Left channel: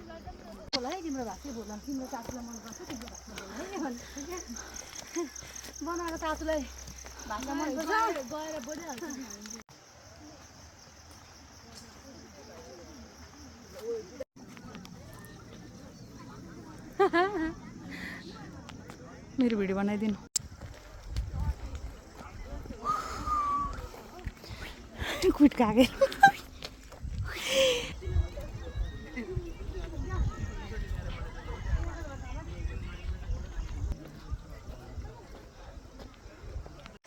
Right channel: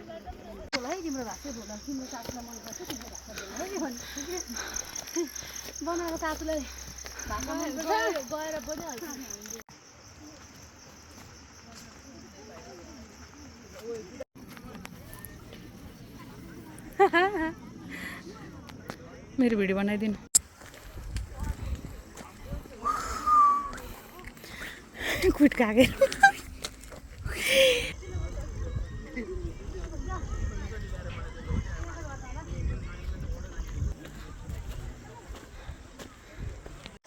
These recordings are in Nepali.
तिम्रो भाषै बोल तिम्रो सासूलाई मन पर्छ तिम्रो भाषा बोल बनाएको सासूलाई भाषा मन पर्छ गएर बोलिहाल्छ मेरो भिडियो बनाइदिनु कुट कागे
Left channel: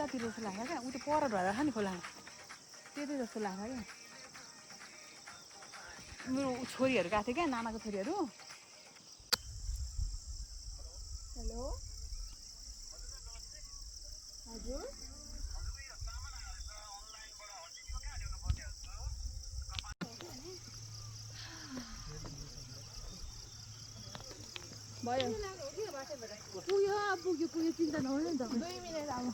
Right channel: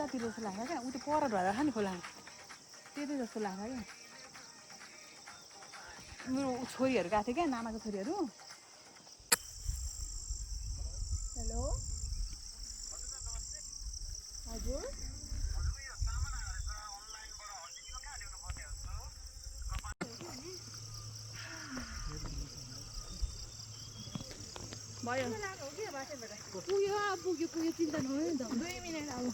कति जस्तो लाग्छ क्या उ त्यो पर भएर खाने खोला त्यति जस्तो लाग्छ क्या मेरो छोरीहरू गएको थियो क्या नानाको छोरीहरू हेलो हजुर भयो पुग्यो चिन्ता नगर्नु नि त 2 मिनेट अब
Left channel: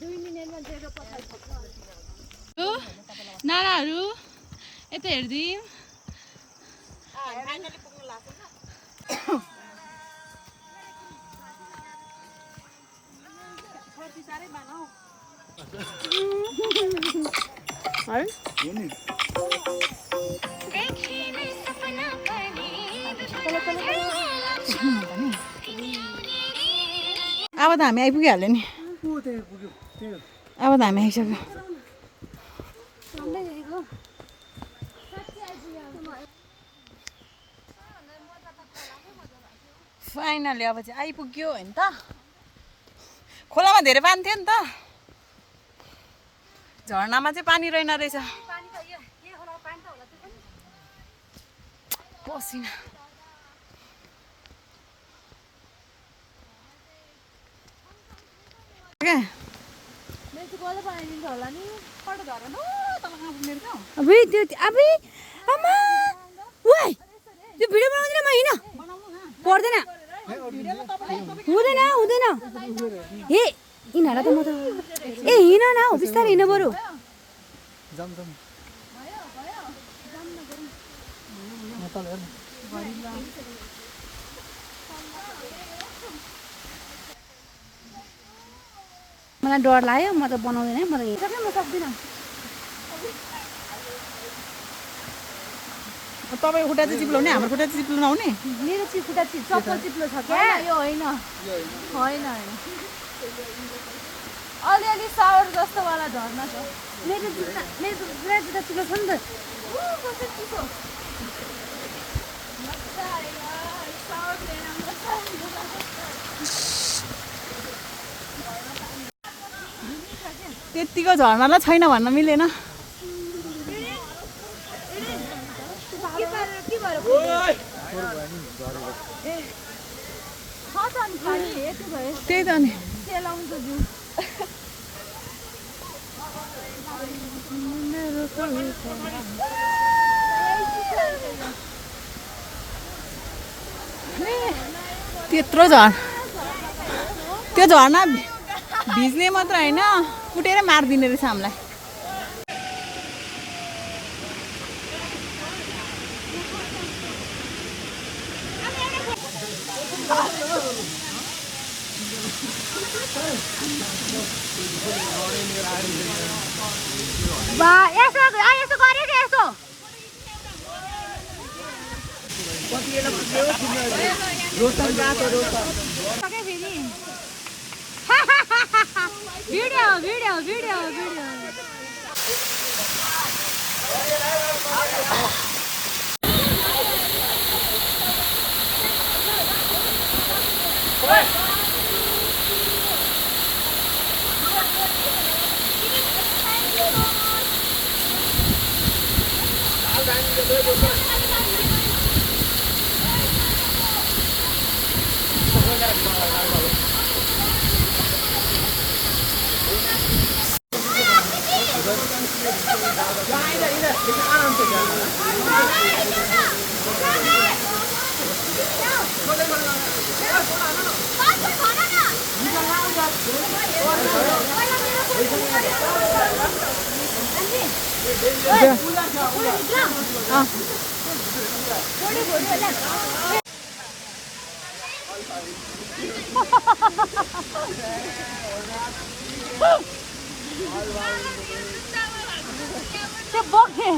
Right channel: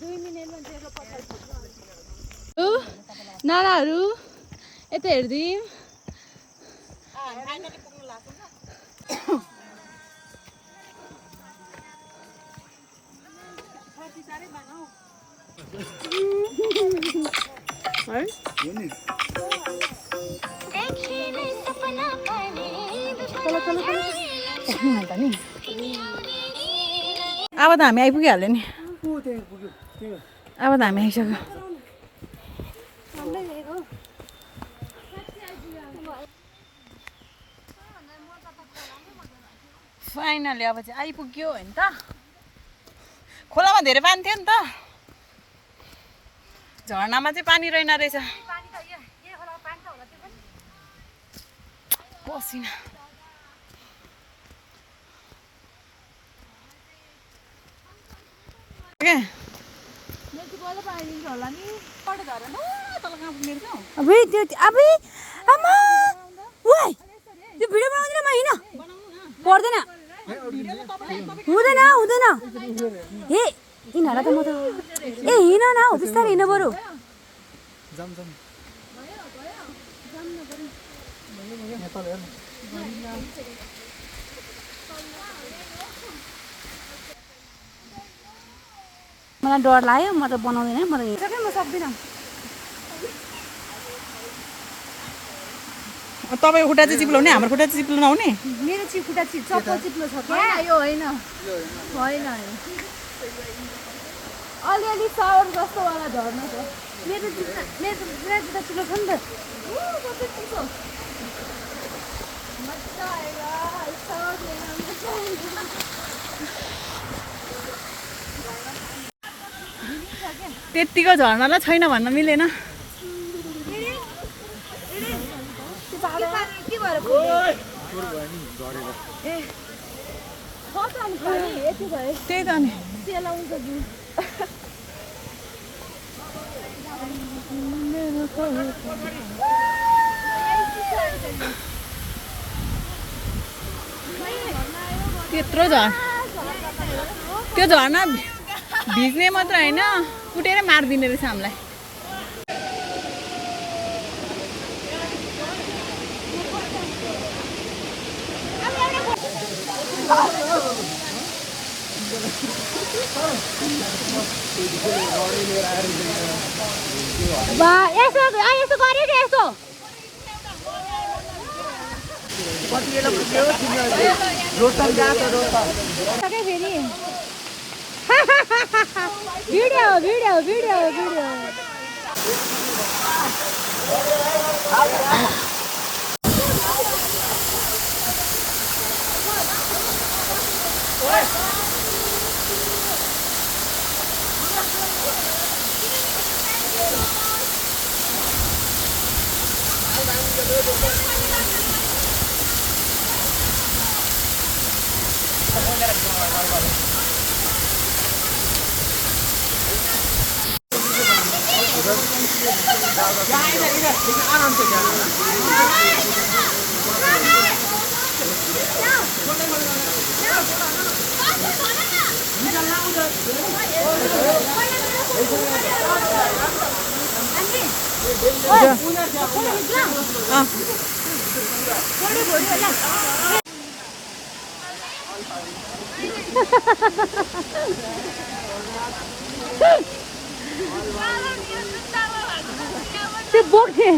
2 मिनेटमा जेरो पठाइदिन्छु नानाहरू यता हेर्दिम फाइनली पुग्नु लाग्छ नि फर्सी सारै बनाऊ है अब त हामी आइपुगिहाल्यो नि अब त हामी आइसक्यो फाइनली अब चाहिँ आइपुग्यो होइन त खोलामा धेरै पानी थियो नि त झर्नामा चाहिँ पानी रहेन रहेछ पसिना अबे आमा ओइ त्यो भिडियो बनाउँदिन म हिँड पर्दैन हुँदैन ए यिनीहरूलाई त म त ए हिँड न हौ बिस्तारै हिँड बरु मलाई डर लाग्यो म त बनाउँदिनँ म त हिँड्छ म सक्दिनँ तपाईँ खुट्टा चाहिँ चिप्लाउने हाम्रो खुट्टा चाहिँ चिप्लो नआउने मेरो खुट्टा चप्पल चिप्लो छ क्या यो होइन अलिअलि सावर जस्तो वाला झर्ना छ मेरो जुत्ता चिप्लो छ नि त मजा आएगा सावर लेना मजा आएगा त्यतिको झर्नालाई छैन भन्न मिलेन त्यही त नि त्यत्रो त्यो झर्ना भिज्ने मात्र होइन कुटेर मारिदिने रहेछ हामीलाई यसो गरे कि यसो फेरि भिडियो त्यो बोक्ने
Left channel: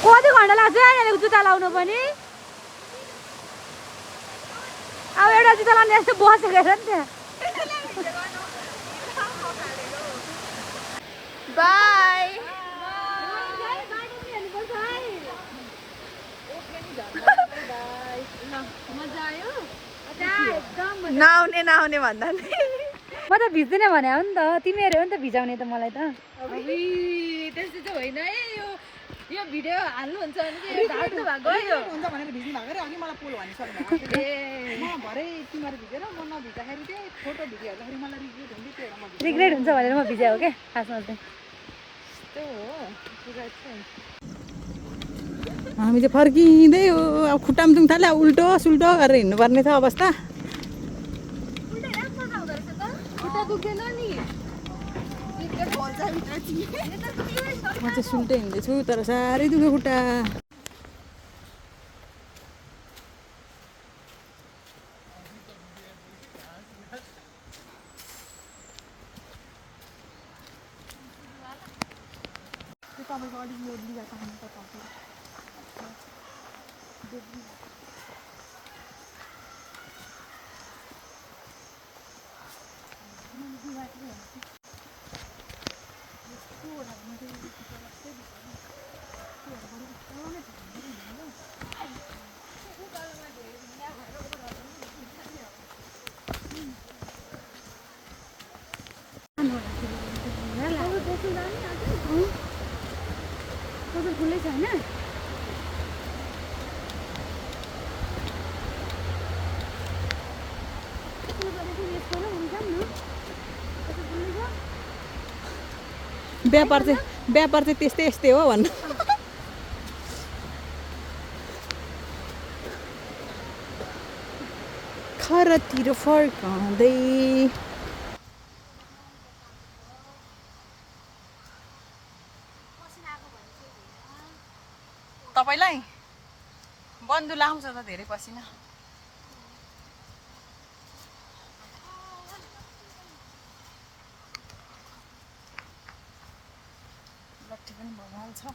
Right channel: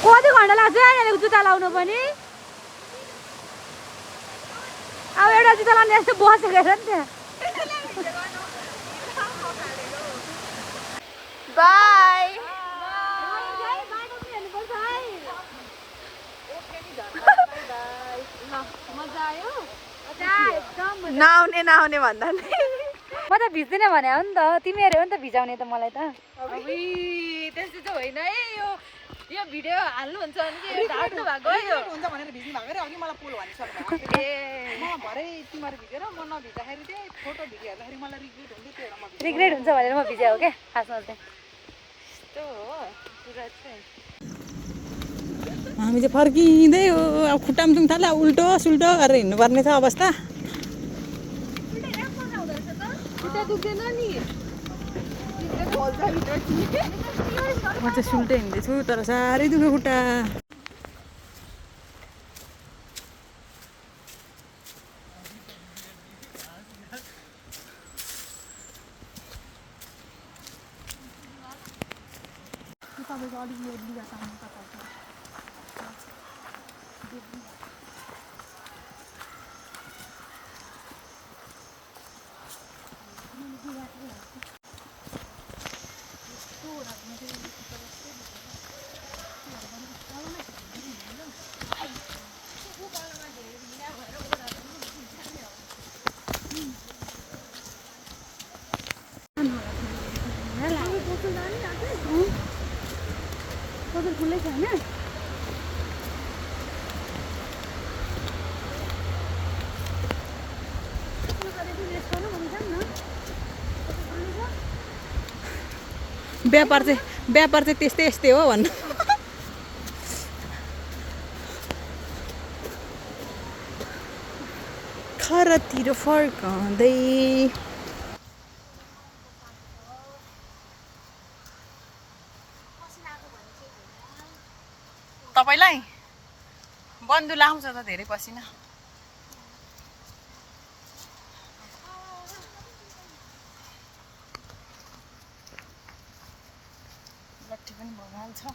कति घन्टा लाग्छ यहाँनिर जुत्ता लाउनु पनि अब एउटा जुत्ता लाउने यस्तो बसेको हेर नि त्यहाँ बाई मजा आयो नआउने भन्दा नि म त भिज्दैन भने हो नि त तिमीहरू हो नि त भिजाउने त मलाई त त्यस्तो चाहिँ होइन है यो भिडियो हाल्नुहुन्छ भने ढाट्नु भएको हुन्छ भनेर भिज्नु भएको रे अघि मलाई पुल भनिसक्नु ए म भरे तिमीहरू भिजेर म नभिज्दाखेरि चाहिँ फोटो भिडियो हेर्दाखेरि मलाई रिग्रेट हुन्थ्यो त्यही भएर म रिग्रेट हुन्छ भनेर म भिजाएको क्या खासमा चाहिँ त्यो हो कुरा चाहिँ हामी चाहिँ फर्किँदै हो अब खुट्टामा जुङ थाल्यो उल्टो सुल्टो गरेर हिँड्नुपर्ने छ अवस्था म चाहिँ सुल्टै हिँड्दैछु तर साह्रै दुख्यो खुट्टा खुल्लै छ होइन व्यापार चाहिँ त्यस्तै यस्तै हो भन्नु घरतिर फर्काउँदै तपाईँलाई बन्धु लाउँछ त धेरै पसिना लट्ठी पनि भगवान छ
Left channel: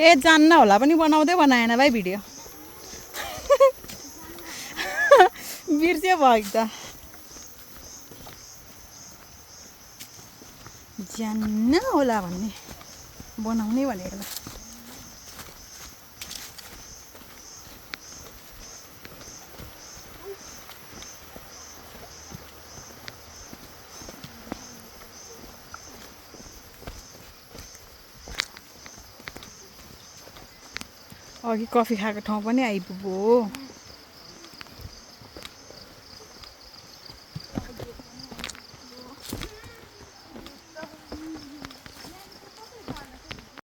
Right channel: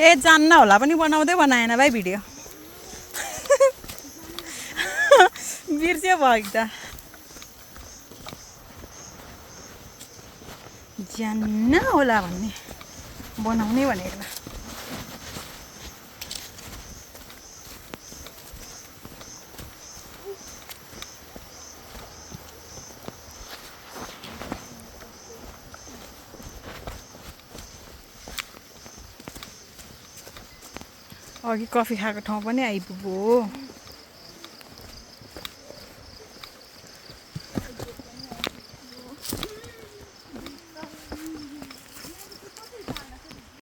ए जान्न होला पनि बनाउँदै बनाएन भाइ भिडियो बिर्स्यो भयो त जान्न होला भन्ने बनाउने भनेको अघि कफी खाएको ठाउँ पनि आइपुग्यो